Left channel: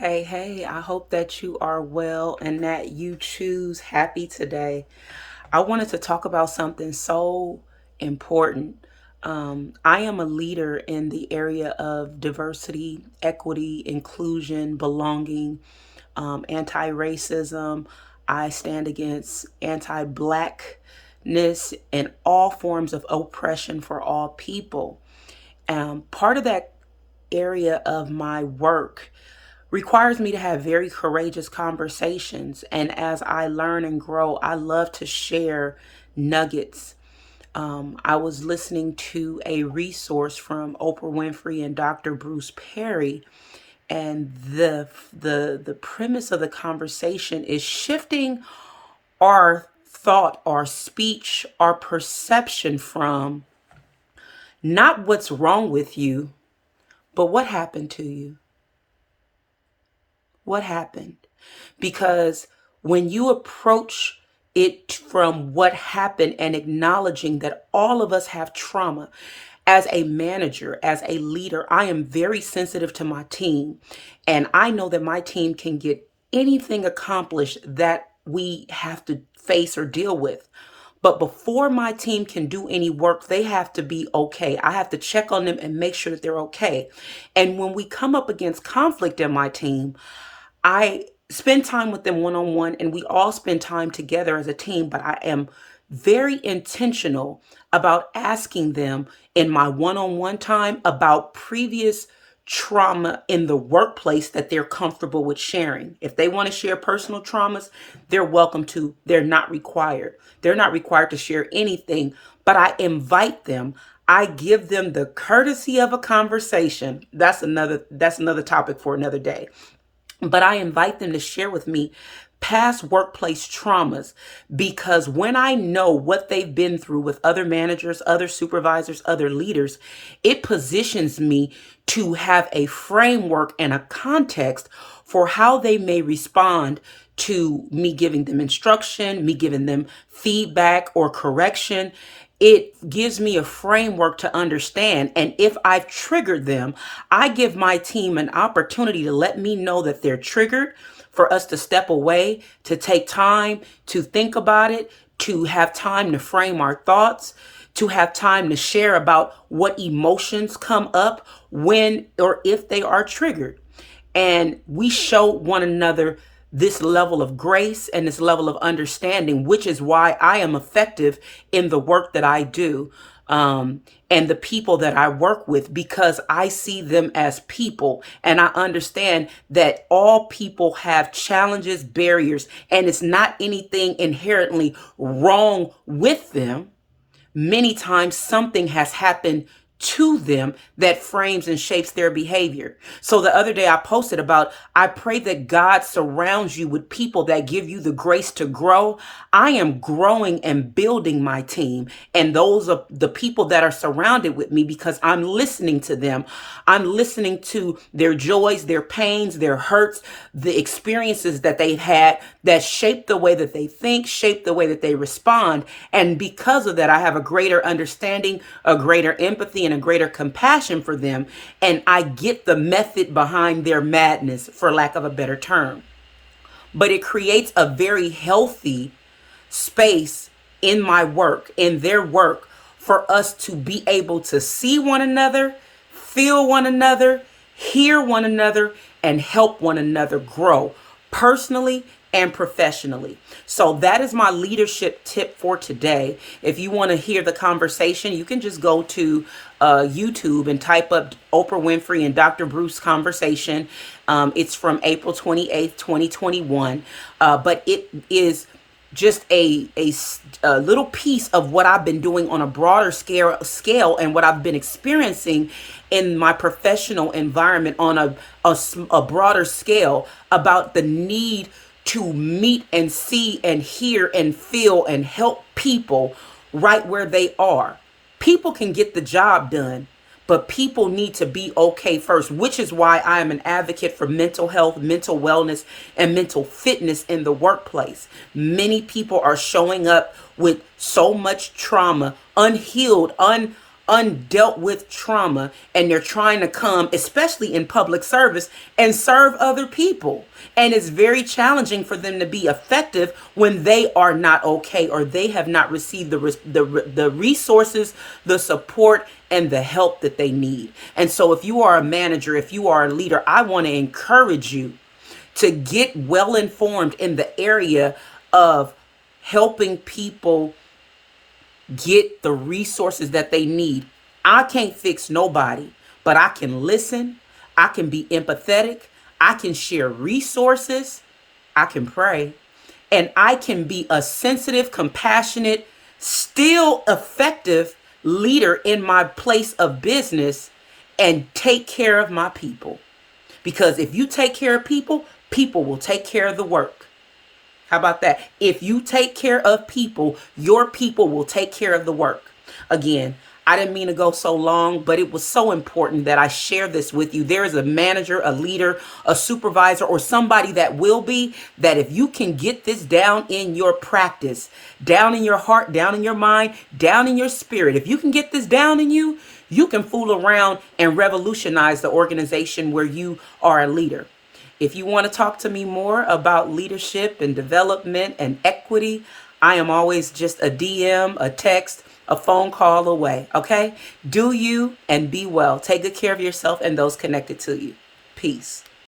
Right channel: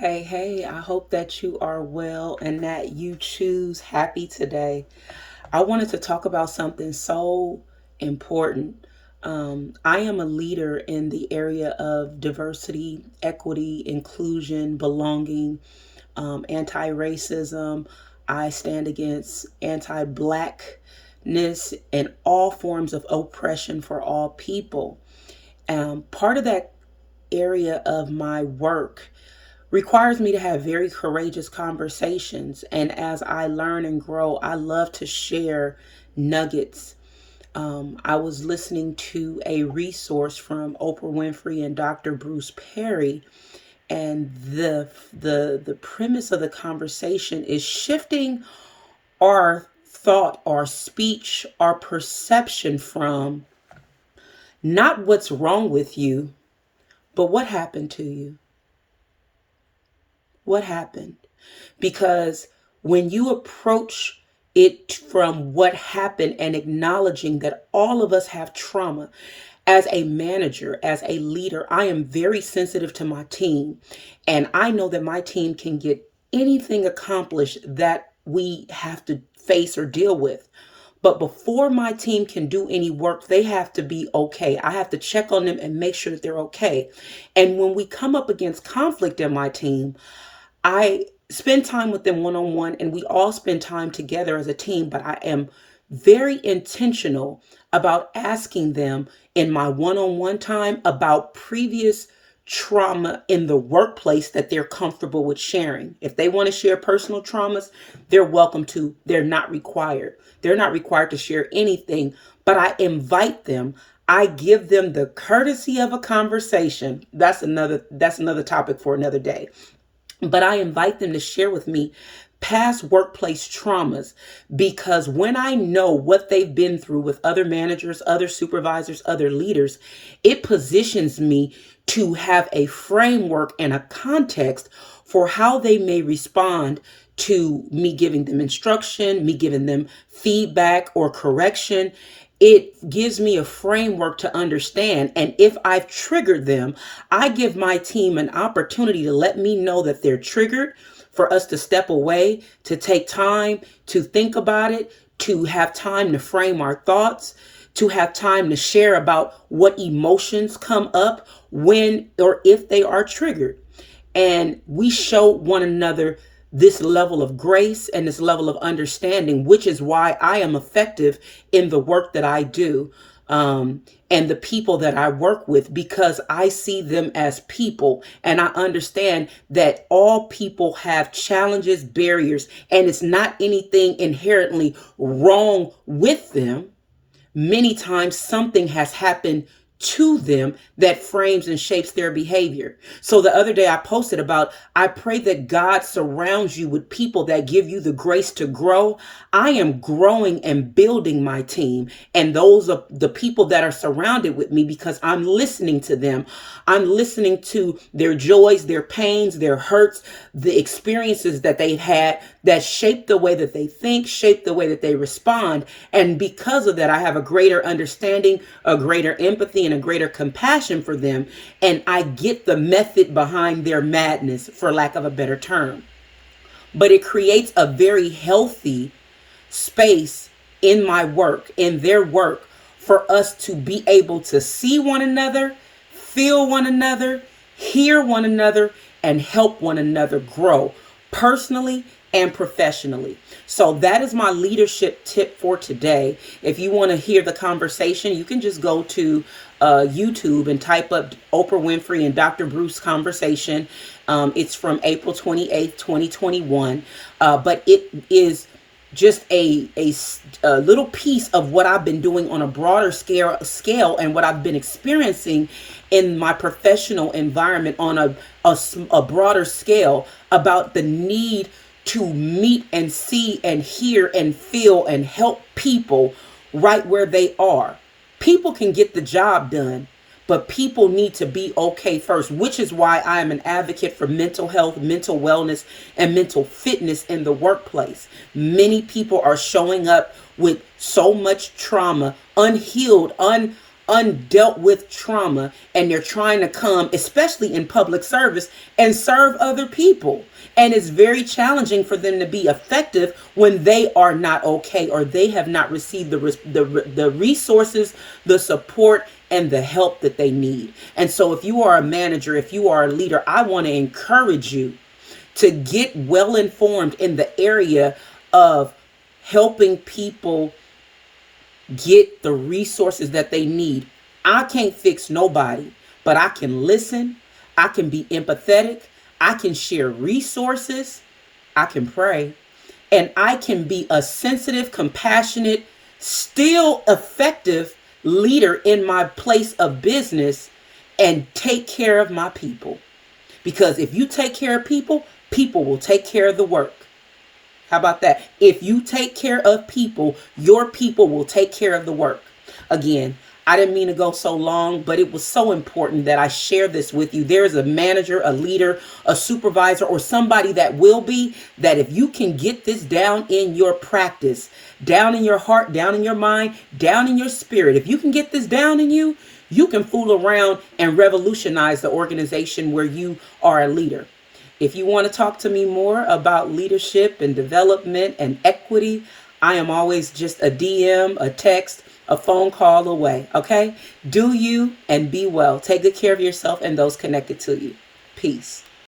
Hey, hey, I hope that you are well and that you choose happy today. I wanted to talk about something so important. I am a leader in the area of diversity, equity, inclusion, belonging, anti racism. I stand against anti blackness and all forms of oppression for all people. Part of that area of my work requires me to have very courageous conversations. And as I learn and grow, I love to share nuggets. I was listening to a resource from Oprah Winfrey and Dr. Bruce Perry, and the premise of the conversation is shifting our thought, our speech, our perception from not what's wrong with you, but what happened to you. What happened? Because when you approach it from what happened and acknowledging that all of us have trauma, as a manager, as a leader, I am very sensitive to my team. And I know that my team can get anything accomplished that we have to face or deal with. But before my team can do any work, they have to be okay. I have to check on them and make sure that they're okay. And when we come up against conflict in my team, I spend time with them one on one, and we all spend time together as a team. But I am very intentional about asking them in my one on one time about previous trauma in the workplace that they're comfortable with sharing. If they want to share personal traumas, they're welcome to. They're not required. They're not required to share anything, but I invite them. I give them the courtesy of a conversation. That's another topic for another day. But I invite them to share with me past workplace traumas, because when I know what they've been through with other managers, other supervisors, other leaders, it positions me to have a framework and a context for how they may respond to me giving them instruction, me giving them feedback or correction. It gives me a framework to understand. And if I've triggered them, I give my team an opportunity to let me know that they're triggered, for us to step away, to take time to think about it, to have time to frame our thoughts, to have time to share about what emotions come up when or if they are triggered. And we show one another this level of grace and this level of understanding, which is why I am effective in the work that I do, and the people that I work with, because I see them as people and I understand that all people have challenges, barriers, and it's not anything inherently wrong with them. Many times something has happened to them that frames and shapes their behavior. So the other day I posted about, I pray that God surrounds you with people that give you the grace to grow. I am growing and building my team, and those are the people that are surrounded with me, because I'm listening to them. I'm listening to their joys, their pains, their hurts, the experiences that they've had that shape the way that they think, shape the way that they respond. And because of that, I have a greater understanding, a greater empathy, and a greater compassion for them. And I get the method behind their madness, for lack of a better term. But it creates a very healthy space in my work, in their work, for us to be able to see one another, feel one another, hear one another, and help one another grow personally and professionally. So that is my leadership tip for today. If you want to hear the conversation, you can just go to YouTube and type up Oprah Winfrey and Dr. Bruce conversation. It's from April 28th, 2021. But it is just a little piece of what I've been doing on a broader scale and what I've been experiencing in my professional environment on a broader scale, about the need to meet and see and hear and feel and help people right where they are. People can get the job done, but people need to be okay first, which is why I am an advocate for mental health, mental wellness, and mental fitness in the workplace. Many people are showing up with so much trauma, unhealed, undealt with trauma, and they're trying to come, especially in public service, and serve other people. And it's very challenging for them to be effective when they are not okay, or they have not received the resources, the support, and the help that they need. And so if you are a manager, if you are a leader, I want to encourage you to get well informed in the area of helping people get the resources that they need. I can't fix nobody, but I can listen. I can be empathetic. I can share resources. I can pray. And I can be a sensitive, compassionate, still effective leader in my place of business and take care of my people. Because if you take care of people, people will take care of the work. How about that? If you take care of people, your people will take care of the work. Again, I didn't mean to go so long, but it was so important that I share this with you. There is a manager, a leader, a supervisor, or somebody that will be, that if you can get this down in your practice, down in your heart, down in your mind, down in your spirit, if you can get this down in you, you can fool around and revolutionize the organization where you are a leader. If you want to talk to me more about leadership and development and equity, I am always just a DM, a text, a phone call away. Okay? Do you and be well. Take good care of yourself and those connected to you. Peace.